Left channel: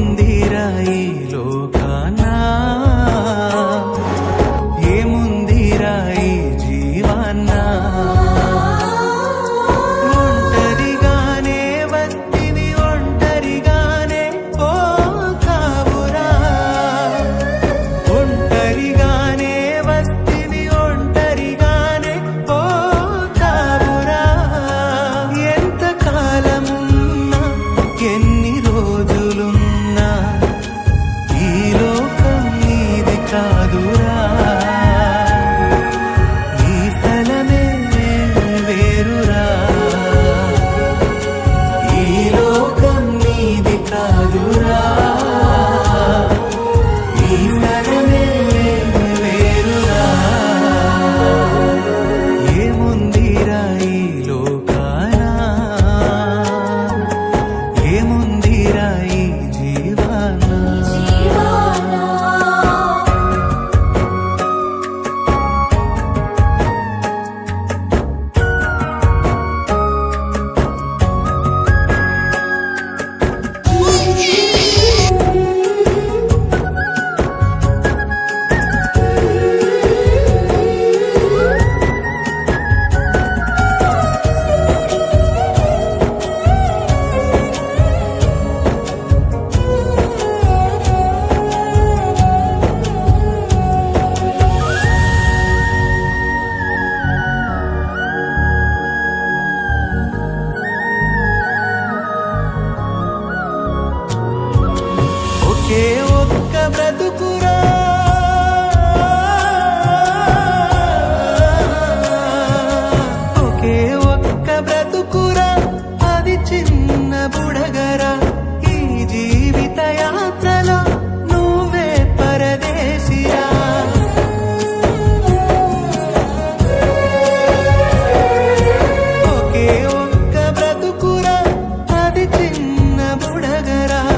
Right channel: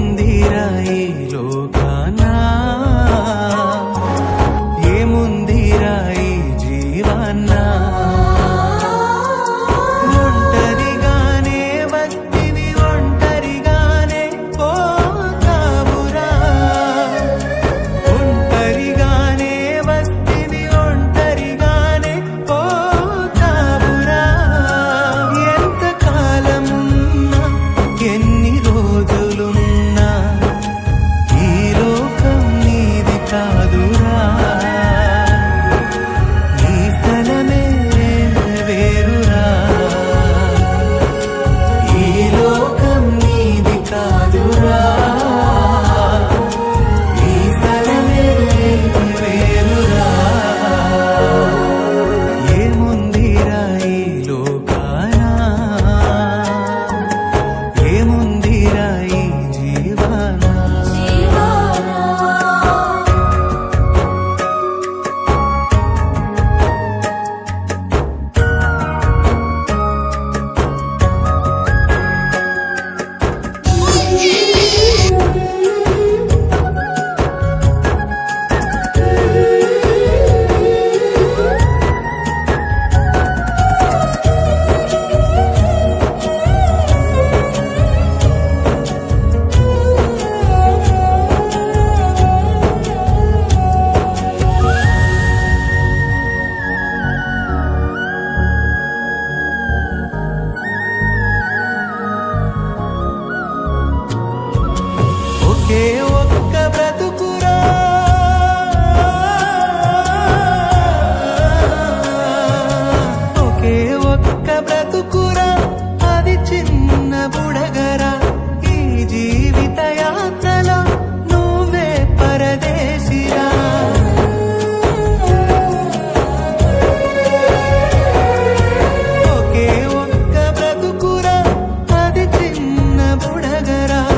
ఏముందిరా ఈ లోకానా? ఏముందిరా ఈ జీవాన్నా ఒంటరిగానే వస్తివి ఒంటరిగానే పోతావురా? ఒంటరిగానే వస్తివి ఒంటరిగానే పోతావురా? ఎంత కాలమున్నా ఎన్ని రోజులున్నా ఏముందిరా ఒకే ఒక్క బ్రతుకురా. ఒకే ఒక్క బ్రతుకురా. అది చిన్న బుడగరా. ఈ జీవిత యాత్రలో నువ్వే పరదేశిరా. ఒకే ఒక్క బ్రతుకురా. అది చిన్న బుడగరా.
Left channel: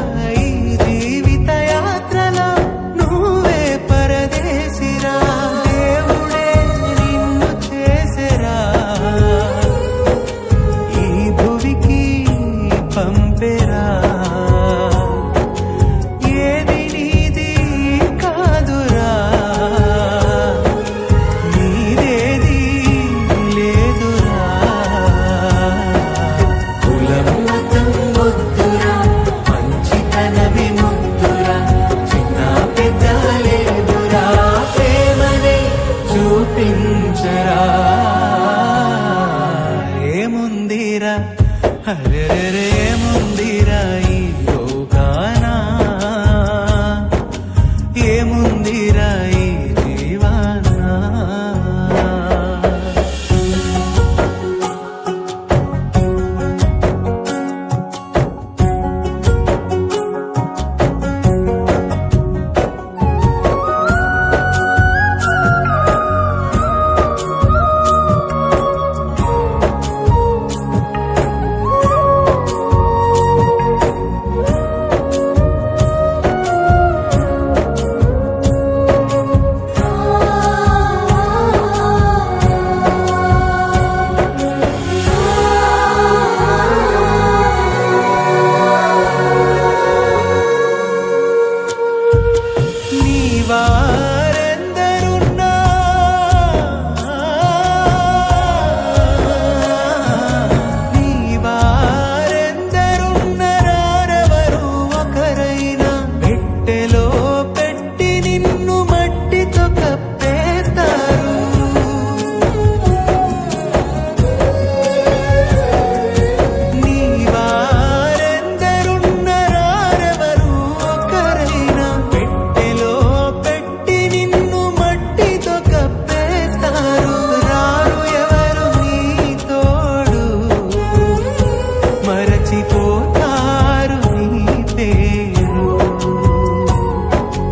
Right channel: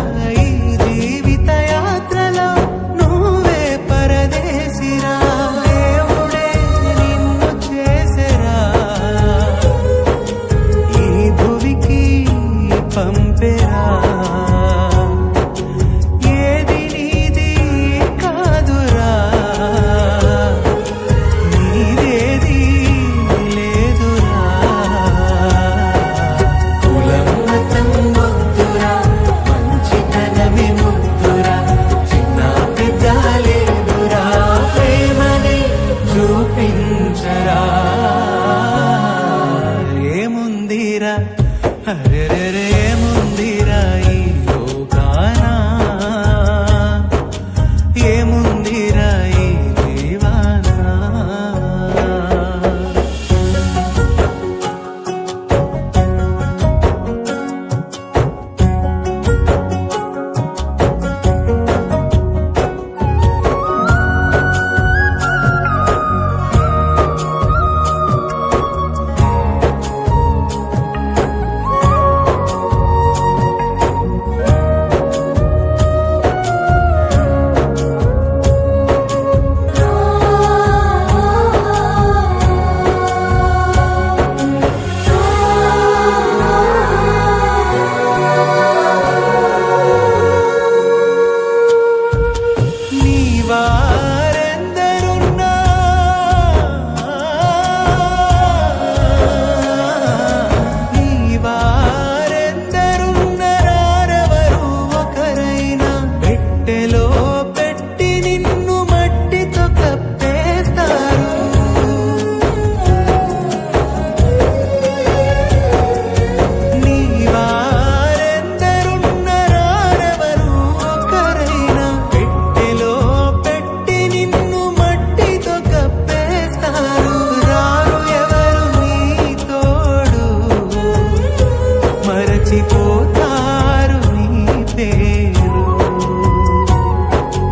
చూపించరా ఏముందిరా రే ఏముందిరా మరచిపోతారు నీ పేరు.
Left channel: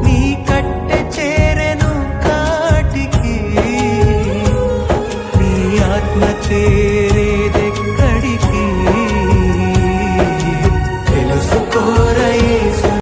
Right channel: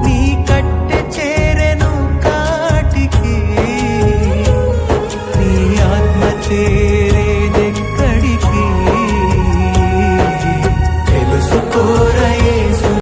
నీ కట్టె చేరెను కాటికి. నీ ఆత్మ చేరేదెక్కడికి? తెలుసుకోరయేసు